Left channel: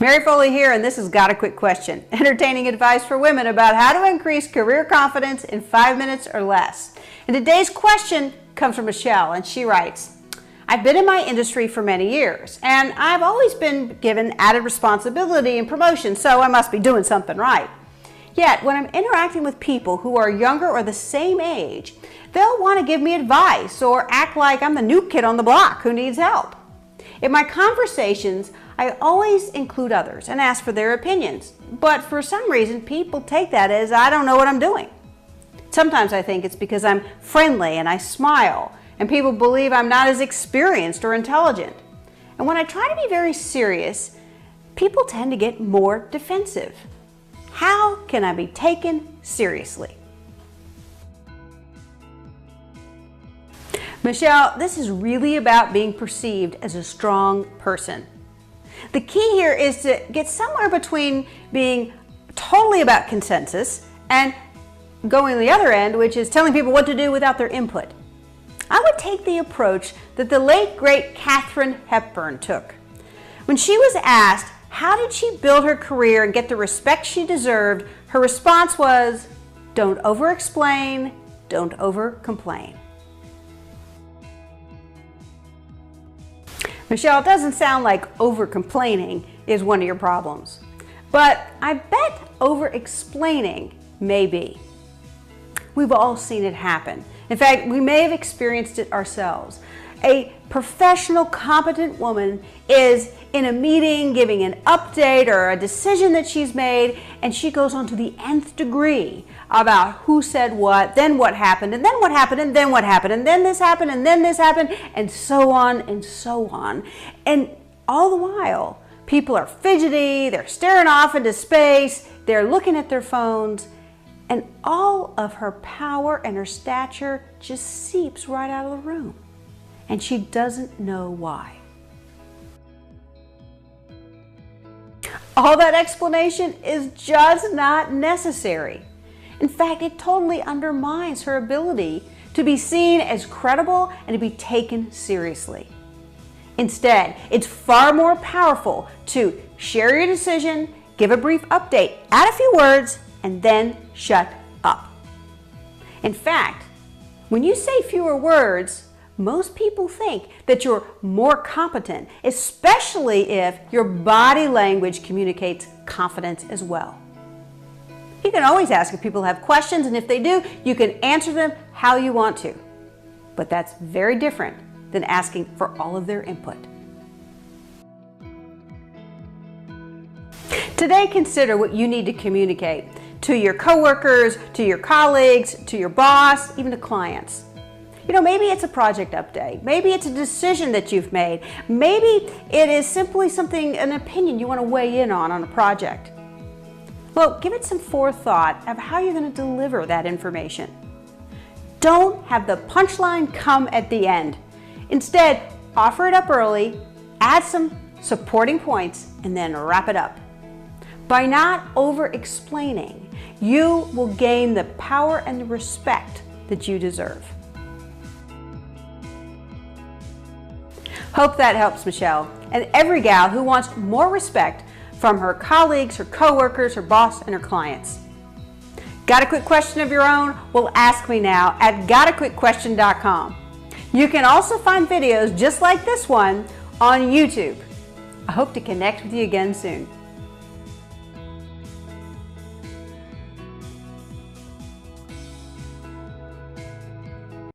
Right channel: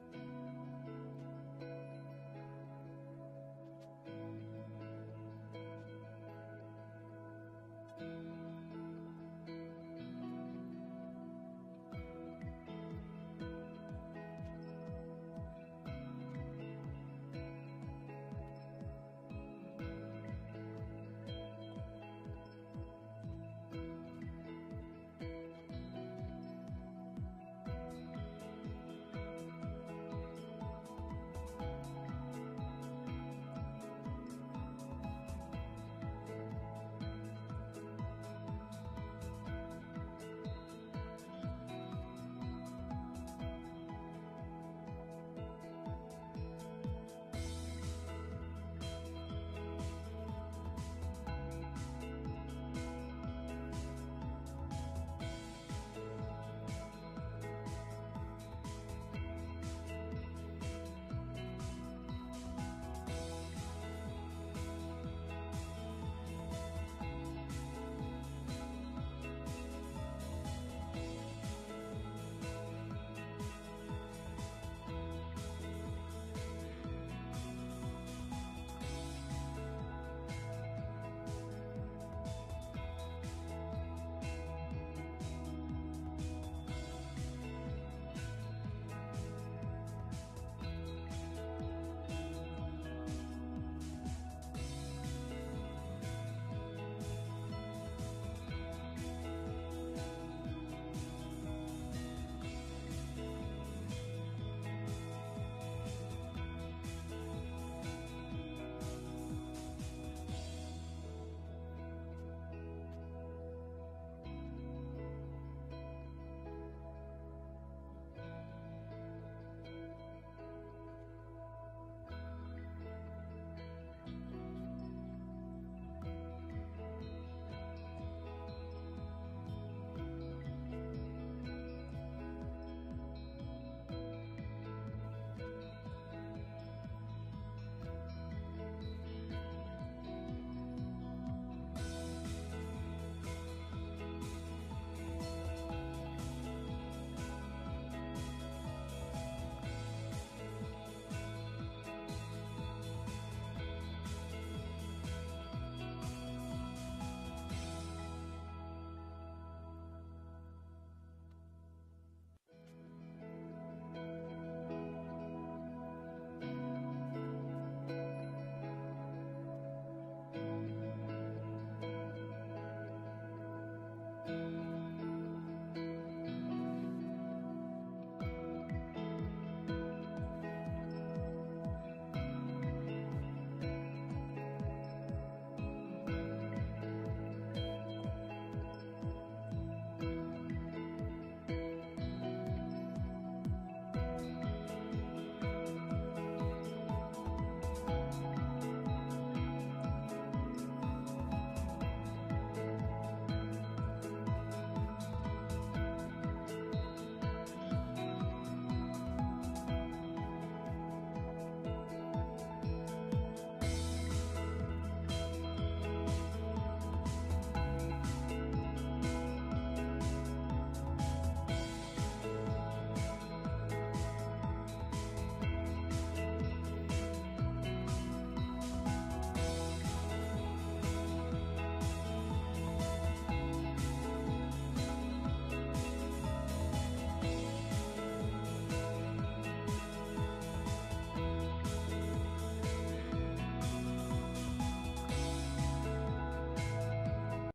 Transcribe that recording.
Mary Foley here, and this has Got a Quick Question. Entertaining advice for women about how to increase career confidence in 5 minutes or less. And today's question comes from Michelle, and she writes, I've been in my industry for many years, and I've always been given added responsibility and promotion, so I must be doing something right. Yet, when I'm interacting with people who are younger or the same age, they'll want to give me advice or act like I'm the new kid on the block who needs help. In my conversations, I always include others and ask for their opinions, but for some reason people take that as I don't know what I'm doing. Sometimes I think it's because I'm friendly and I smile, and people believe I'm not as experienced or intelligent. And when I try to be very serious, people tend to get more defensive. How can I be taken seriously? Michelle, this is really about being perceived as a strong person. The key here is to get somewhere between being totally about consensus and going the other end, which is telling people what to do without their input. I would take the approach that the late, great Katharine Hepburn took. When she was asked how did she build her career and get the respect she deserved, her response was, don't over-explain, don't over-complain. Michelle, it doesn't sound like over-complaining is one of your problems, but I bet over-explaining may be. We've all seen it happen. In fact, we may have experienced it ourselves. A professional, competent woman is in a meeting giving an update or a decision that she's made, and she goes on to the nth degree about who said what, then what happened, and then what happened, and then what happened, and then this happened, and then this happened, and so on and so on. And all the while, people are fidgety, they're staring off into space, they're looking at their phones, and all of her power and her stature just seeps right out of the room. And she doesn't know why. All that explanation is just not necessary. In fact, it totally undermines her ability to be seen as credible and to be taken seriously. Instead, it's far more powerful to share your decision, give a brief update, add a few words, and then shut up. In fact, when you say fewer words, most people think that you're more competent, especially if your body language communicates confidence as well. You can always ask if people have questions, and if they do, you can answer them how you want to. But that's very different than asking for all of their input. Today, consider what you need to communicate to your coworkers, to your colleagues, to your boss, even to clients. You know, maybe it's a project update. Maybe it's a decision that you've made. Maybe it is simply something, an opinion you want to weigh in on a project. Well, give it some forethought of how you're going to deliver that information. Don't have the punchline come at the end. Instead, offer it up early, add some supporting points, and then wrap it up. By not over-explaining, you will gain the power and the respect that you deserve. Hope that helps, Michelle, and every gal who wants more respect from her colleagues, her coworkers, her boss, and her clients. Got a quick question of your own? Well, ask me now at gotaquickquestion.com. You can also find videos just like this one on YouTube. I hope to connect with you again soon.